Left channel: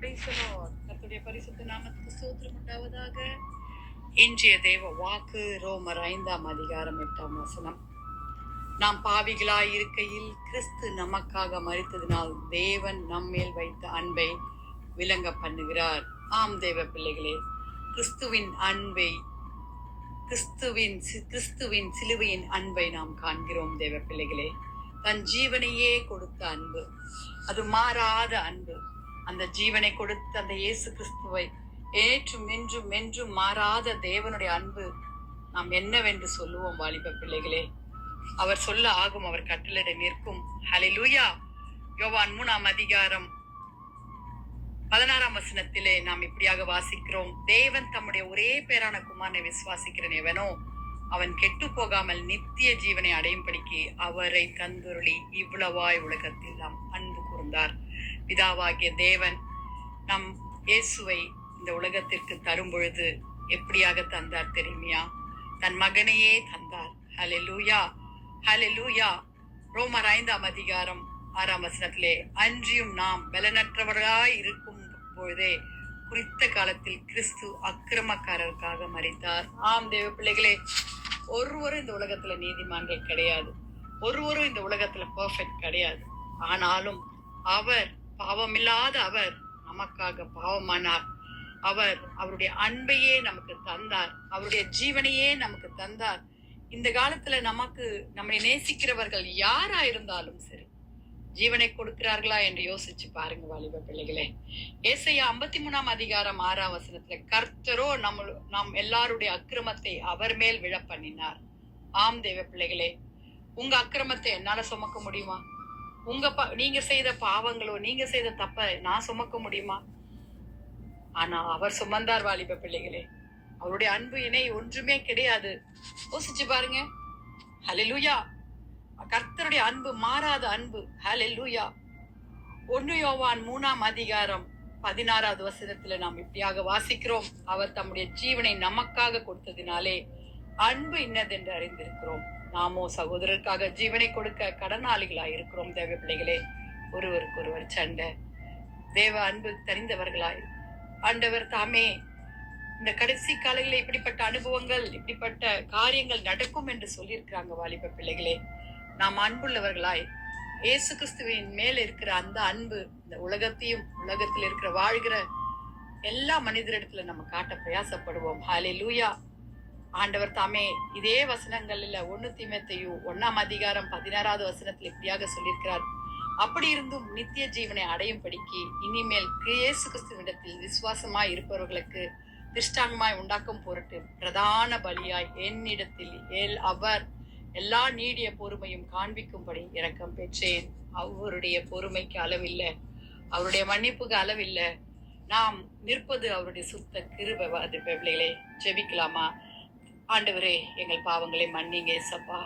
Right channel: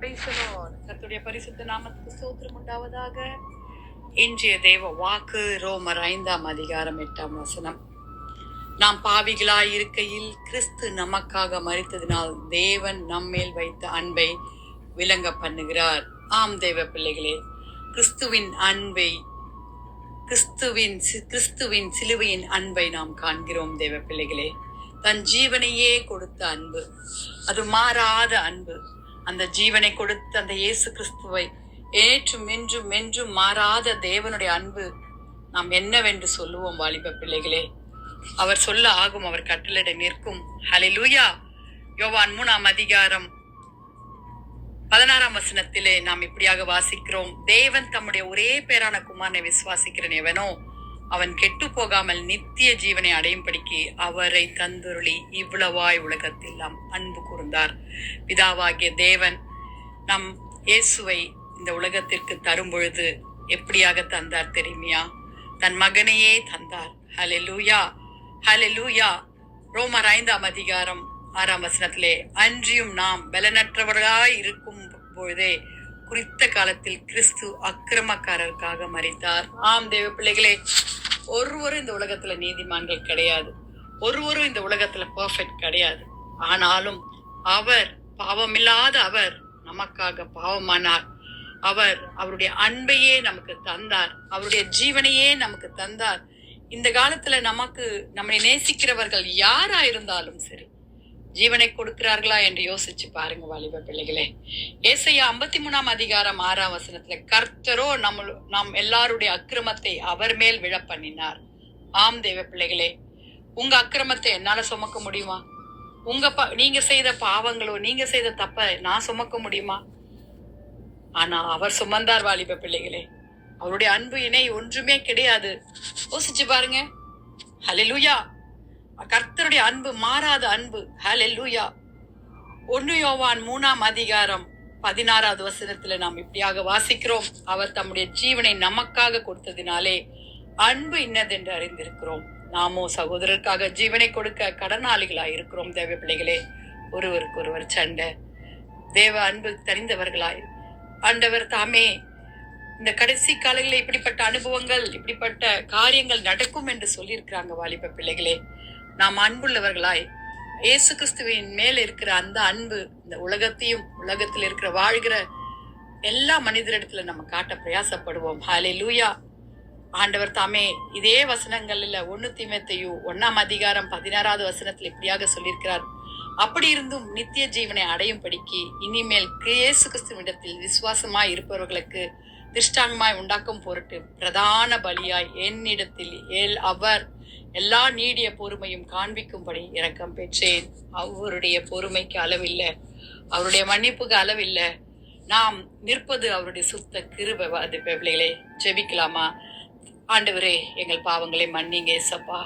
Praise the Lord. கர்த்தருடைய பரிசுத்த நாமத்துக்கு ஸ்தோத்திரம் உண்டாவதாக. இன்றைய தேவ வாக்கு ரோமர் 5:8. நாம் பாவிகளாய் இருக்கையில் கிறிஸ்து நமக்காக மரித்ததினால் தேவன் நம்மேல் வைத்த அன்பை விளங்க பண்ணுகிறார். ஆம் தேவ பிள்ளைகளே, கிறிஸ்துவின் அன்பை கிறிஸ்துவின் சிலுவையின் அன்பை நாம் காண்கிறோம். தேவ பிள்ளைகளே, தன் ஜீவனையே கொடுத்த அன்பு, அது மாறாத அன்பு. அந்த ஜீவனை கொடுத்த அந்த இயேசு கிறிஸ்துவை ஏற்றும் என்றும் மாறாத தேவனுடைய அன்பு நாம் என்னவென்று சொல்லுவோம் வாலிப பிள்ளைகளே? அவர் சொல்ல ஆகும், அவர் கட்டளையிட நிற்கும். ஹல்லேலூயா. யோவான் 3:16 நாம் இப்படியாக வாசிக்கிறோம், தேவன் தம்முடைய ஒரே பேரான குமாரனை விசுவாசிக்கிறன் எவனோ அவன் கெட்டு போகாமல் நித்திய ஜீவனை அடையும்படிக்கு அவரை தந்துருளி இவ்வளவாய் உலகத்தில் நாம் அன்பு கூர்ந்தார். பிதாவாகிய தேவன் நம் இயேசுவை இந்த உலகத்திற்கு தரும் பொழுது எப்படியாக தந்தார் தெரியுமையா? தன் மகனையே தந்தார். ஹல்லேலூயா, ஹல்லேலூயா. ரோமர் 5:6 அன்றியும் நாம் பலனற்றவர்களாய் இருக்கும் பொழுதே குறித்த காலத்தில் கிறிஸ்து அக்கிரமக்காரருக்காக மரித்தார். ஆம் தேவ பிள்ளைகளே, ஒருவரும் இந்த உலகத்துல நீதிமான்கள் கிடையாது, ஒருவரும் இந்த உலகத்துல பெர்ஃபெக்ட் கிடையாது. ஆனாலும் அவர் பாவமில்லாத அவர் நமக்காக பாவமானார். அவருடைய அன்பையே நமக்கு தந்தார், அவருடைய ஜீவனையே நமக்கு தந்தார். இந்த காலத்துல நம்மை நேசிக்கிறவர்கள் யாரா இருந்தாலும் சரி, ஜீவனை கொடுக்கிறார்களா என்று யோசிச்சு பாருங்க வாலிப பிள்ளைகளே. ஏசாயா 53:6 கர்த்தரோ நாம் எல்லாருடைய அக்கிரமத்தை அவர் மேல் விழ பண்ணினார். ஆம் தேவ பிள்ளைகளே, உங்க அக்கிரமத்தை என்னால சுமக்க முடியுமா? நீங்க செய்த பாவங்களோ, நீங்க செய்த தப்ப நான் சுமக்க முடியுமா? ஆனா அவர் சுமந்தார் வாலிப பிள்ளைகளே. அவருடைய அன்பு இணை ஒன்றுமே கிடையாது. யோசிச்சு பாருங்க. ஹல்லேலூயா. கர்த்தருடைய அன்பு மாறாத அன்பு. ஹல்லேலூயா. 1 யோவான் 3:16 நாம் இப்படியாக வாசிக்கிறோம், அவர் தம்முடைய ஜீவனை நமக்காக கொடுத்ததினாலே அன்பு இன்னதென்று அறிந்திருக்கிறோம். நாமோ சகோதரருக்காக ஜீவனை கொடுக்க கடனாளிகளாய் இருக்கிறோம். தேவ பிள்ளைகளே, ஒருவருக்கு ஒருவர் சண்டை, தேவ அன்பு தெரிந்தவர்களாய் ஆண்டவர் தாமே இந்த கடைசி காலங்களில் இப்படிப்பட்ட அனுபவங்கள், இப்படிப்பட்ட காரியங்கள் நடக்கும் என்று சொல்லியிருக்கிறாங்க. வாலிப பிள்ளைகளே, நாம் அன்புள்ளவர்களாய் இயேசு கிறிஸ்துவின் மேல் இருக்கிற அந்த அன்பு இந்த உலகத்தையும் உலகத்தில் இருக்கிற வாழ்கிற எல்லா மனிதரிடத்துல நம்ம காட்ட பிரயாசப்படுவோம். ஹல்லேலூயா. ஆண்டவர் தாமே இதே வசனங்கள்ல 1 தீமோத்தேயு 1:16 இப்படியாக சொல்லியிருக்கிறார், அப்படி இருந்தும் நித்திய ஜீவனை அடையும் படிக்கு இனிமேல் இயேசு கிறிஸ்துவிடத்தில் விசுவாசமாய் இருப்பவர்களுக்கு திருஷ்டாங்கமாய் உண்டாக்கும் பொருட்டு பிரதான பலியாய் என்னிடத்தில் அவர் எல்லா நீடிய பொறுமையும் காண்பிக்கும்படி இரக்கம் பெற்றேன். அவருடைய பொறுமைக்கு அளவில்லை, அவருடைய மன்னிப்புக்கு அளவில்லை. நாம் நிற்பது அவருடைய சுத்த கிருபை. பிள்ளைகளே, ஜெபிக்கலாமா? ஆண்டவரே, எங்கள் பாவங்களை மன்னிங்க ஏசப்பா.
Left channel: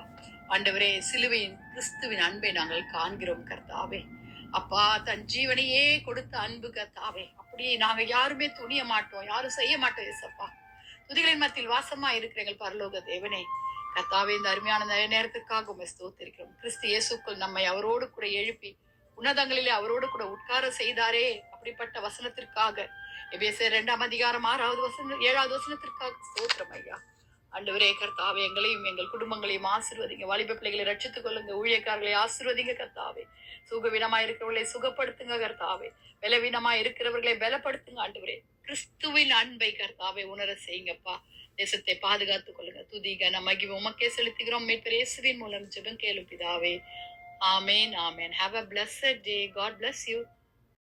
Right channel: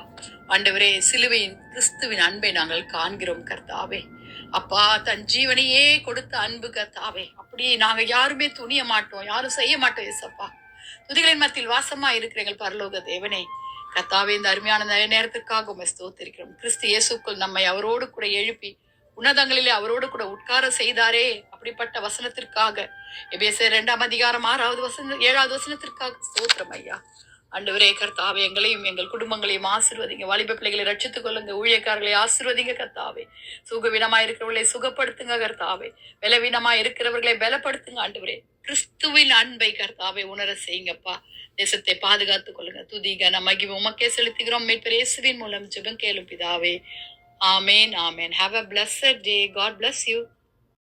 ஆண்டவரே, சிலுவையின் கிறிஸ்துவின் அன்பை நாங்கள் காண்கிறோம் கர்த்தாவே. அப்பா, தன் ஜீவனையே கொடுத்த அன்பு கர்த்தாவே. அப்படியே நாங்க யாருமே துணிய மாட்டோம், யாரும் செய்ய மாட்டோம் ஏசப்பா. துதிகளின் மத்தியில் வாசமா இருக்கிற எங்கள் பரலோக தேவனே கர்த்தாவே, இந்த அருமையான நேரத்திற்காக உம்மை ஸ்தோத்திரிக்கிறோம். கிறிஸ்து இயேசுக்குள் நம்மை அவரோடு கூட எழுப்பி உன்னதங்களிலே அவரோடு கூட உட்கார செய்தாரே, அப்படிப்பட்ட வசனத்திற்காக எபேசியர் 2:7 ஸ்தோத்திரம் ஐயா. ஆண்டவரே கர்த்தாவே, எங்களையும் எங்கள் குடும்பங்களையும் ஆசீர்வதிங்க. வாலிப பிள்ளைகளை ரட்சித்துக் கொள்ளுங்க. ஊழியக்காரர்களை ஆசீர்வதிங்க கர்த்தாவே. சுகவீனமா இருக்கிறவர்களை சுகப்படுத்துங்க கர்த்தாவே. பலவீனமா இருக்கிறவர்களை பலப்படுத்துங்க ஆண்டவரே. கிறிஸ்துவின் அன்பை கர்த்தாவே உணர செய்யுங்கப்பா. தேசத்தை பாதுகாத்துக் கொள்ளுங்க. துதி கன மகிமை உமக்கே செலுத்துகிறோம். மீட்பர் இயேசுவின் மூலம் ஜெபம் கேளும் பிதாவே. ஆமேன், ஆமேன். Have a blessed day. God bless you.